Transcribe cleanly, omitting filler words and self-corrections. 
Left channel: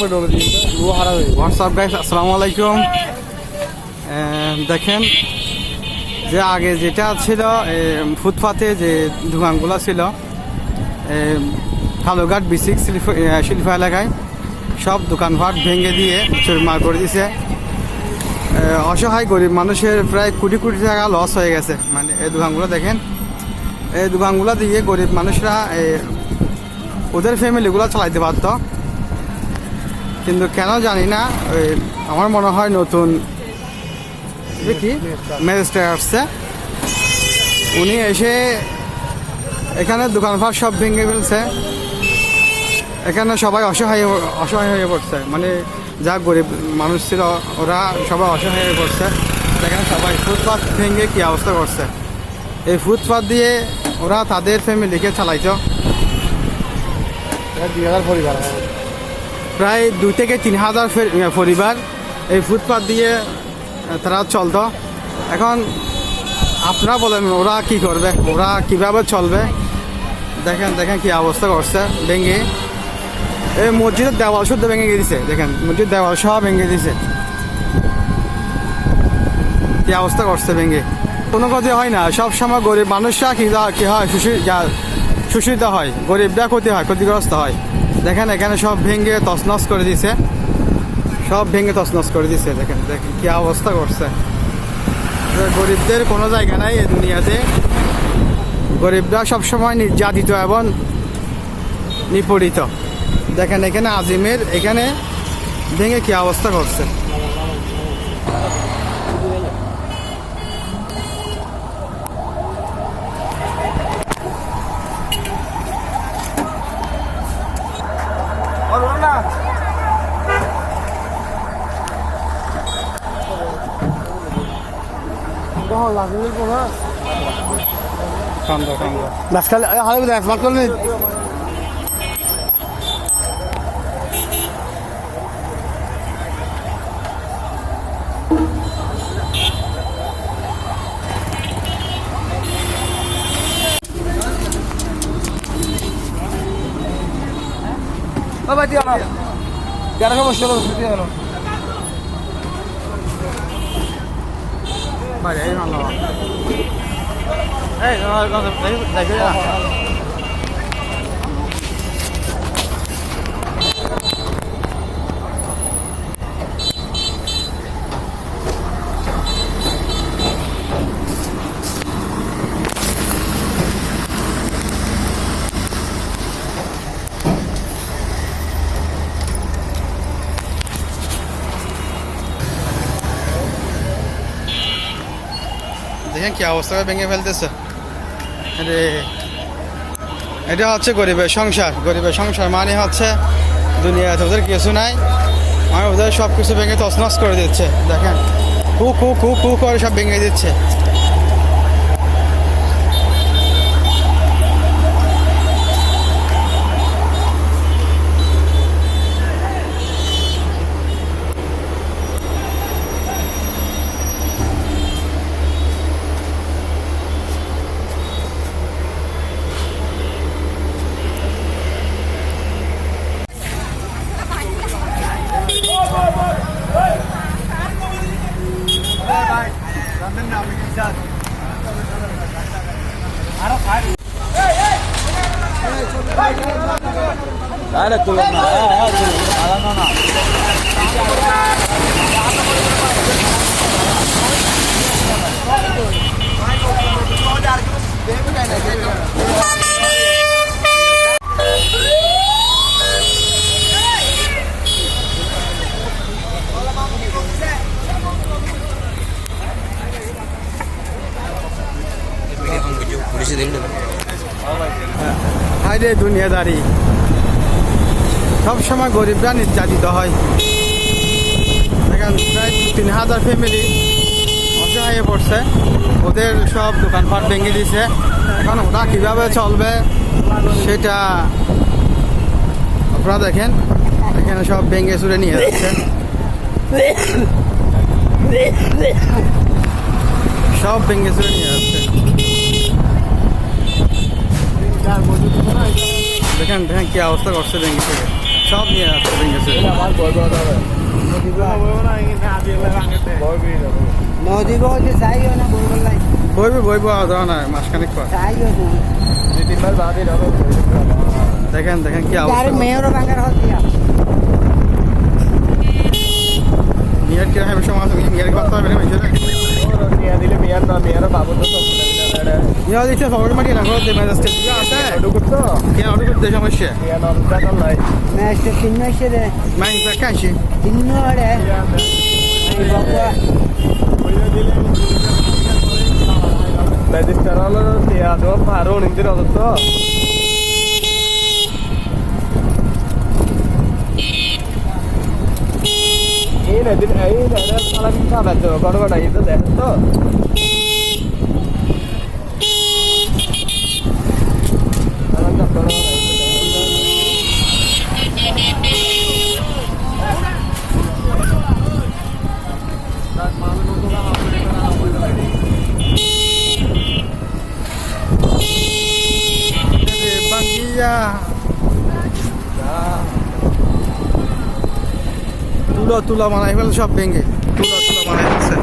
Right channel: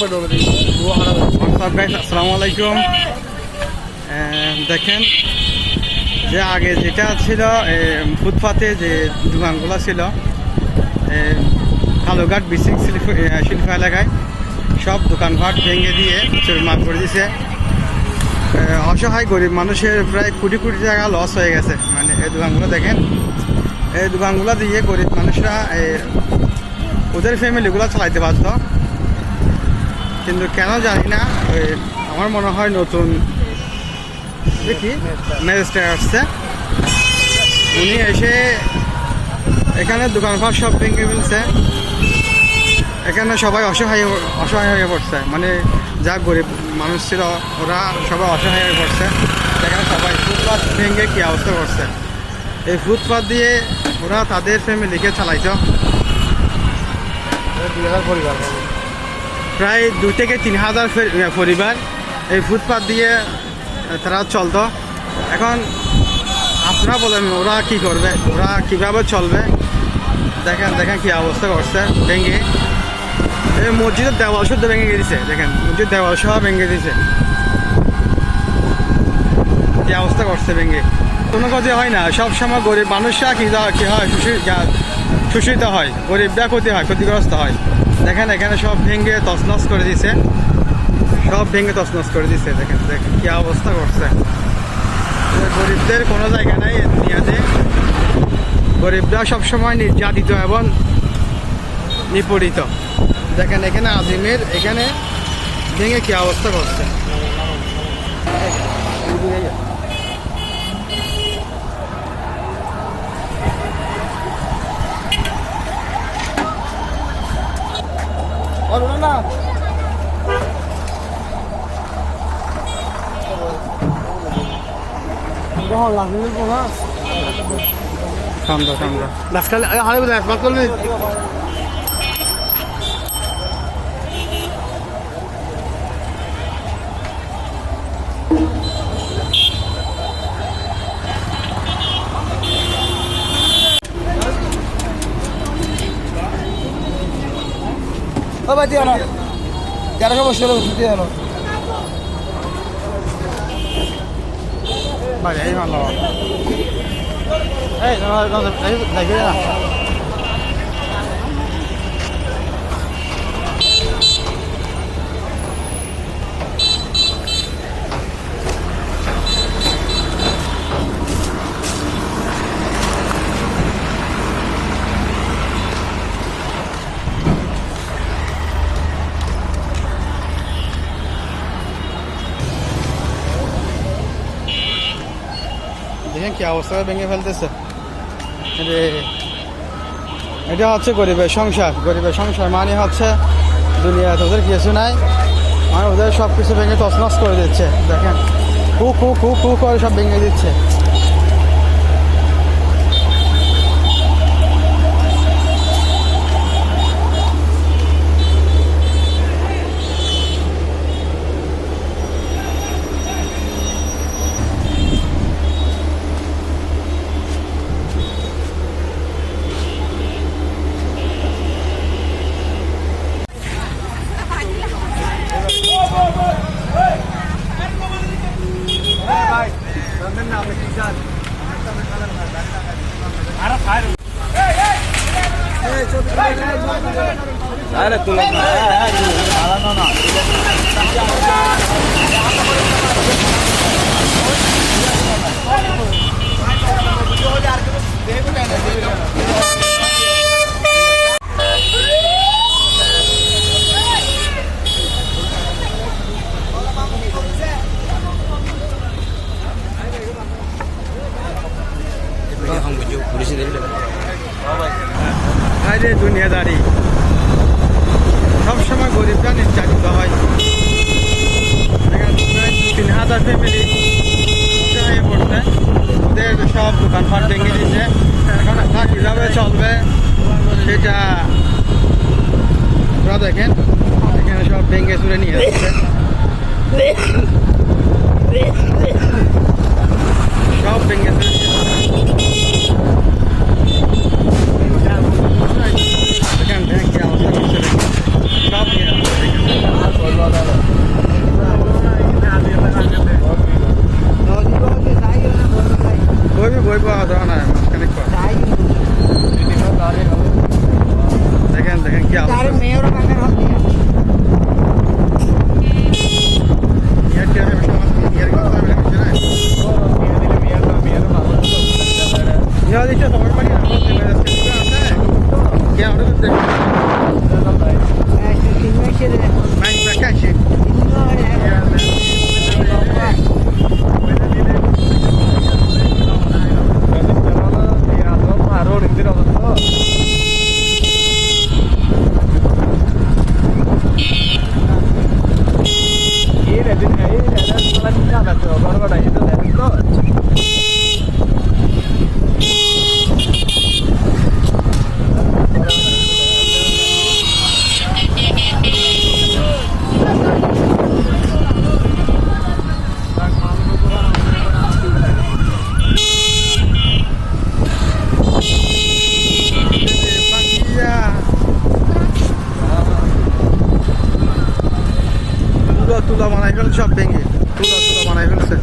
WhatsApp guys, আসসালামু আলাইকুম। দেখেন যে আগে যেটা ছিল ফুটপাতে যে দোকানগুলো ছিল কালুঘাট বিসিক শিল্প এলাকায়, সব দোকানপাট ভেঙে দিয়ে চুরমার করে দিছে। অসহায় গরিব মানুষের প্রায় কোটি কোটি টাকা লস হয়ে গেছে। মানে এই দোকানগুলো দেখেন, এই দোকানগুলো দিয়ে গরিব মানুষরা ওদের ফ্যামিলিগুলো চালাইতে পারত, কিন্তু কেন জানি না আমার মনে হয় নতুন দেখি ম্যাজিস্ট্রেট আসছে, উনি এসে এখানে দোকানপাট সব ভেঙে ফেলছে। এখানে সবাই অসহায় হয়ে পড়ছে। মানে যা গরিব মানুষ ছিল ওরা সবাই অসহায় হয়ে পড়ছে। এখানে সবাই ফুটপাথ ভেঙে কী অবস্থা করছে। এই ফুটপাথ দিয়ে ওরা তাদের ফ্যামিলিকে চালাইতো। প্রায় 2 থেকে 3,000 পরিবার এই ফুটপাথ দিয়ে তারা চলতো। এখন আপনারা বলেন ওরা কি করবে, ওরা কিভাবে চলবে? দেখেন দেখেন কি অবস্থা করছে ভেঙে। এই মসজিদের দেওয়াল শুদ্ধ ভেঙে দিয়েছে। দেখেন মসজিদ দেওয়াল সহ ভেঙে দিয়েছে। কি অবস্থা করছে ভেঙে। কোনো ক্ষতি হয় না, সব সময় গরিব মানুষরা কি হয় শোষিত হয়, গরিবরা ক্ষতিগ্রস্ত হয়। দেখেন এখানে সব ভেঙে তছনছ করে দিছে, সব ভেঙে তছনছ করে দিছে। দেখেন দেখেন কি অবস্থা করছে। গরিবদের কোনো জায়গা নাই এই দুনিয়াতে। গরিবরা সবসময় নির্যাতিত এবং নিপীড়িত। দেখেন এখানে আজিমের এখানে ভেঙে কি অবস্থা করছে। মাঝখানে দেখেন কি অবস্থা ভেঙে ফেলতেছে। এটা হচ্ছে গরিবের সংসার। গরিবের সংসার মানে হচ্ছে দুনিয়াতে ওদের কিছু নাই, মানে ওদের সব কিছু ভেঙে তছনছ করে দিচ্ছে। দেখেন কু করে সব ভেঙে দিচ্ছে। দুনিয়াদারি সবসময় গরিবরা নির্যাতিত হয়। 3,000 ফ্যামিলি অসহায় পড়ছে, ওদের সব দোকানপাট ভেঙে দিয়েছে। এখন তা কীভাবে চলবে সেটা আপনারা দেখেন। এখানে সব ভেঙে চুরে নিয়ে যাচ্ছে, সব ভেঙে চুরে নিয়ে যাচ্ছে। দেখেন দেখেন কি অবস্থা করছে, সব নিয়ে দেওয়া নাই মাসখানেক পর। দেখেন দেখেন কি অবস্থা। মেয়ের কি হবে সময় মেয়ের কথা হবে না ইয়া দিচ্ছে সবার মাটি রাখো যে মেজাজটা পুরো আছে কে অর্ডার করতে দেশে মান কাছে বড় বড় এটা দেখেন তো তুলা তুলা বানাই ফেল সব ভেঙে তুলা তুলা বানাই ফেলছে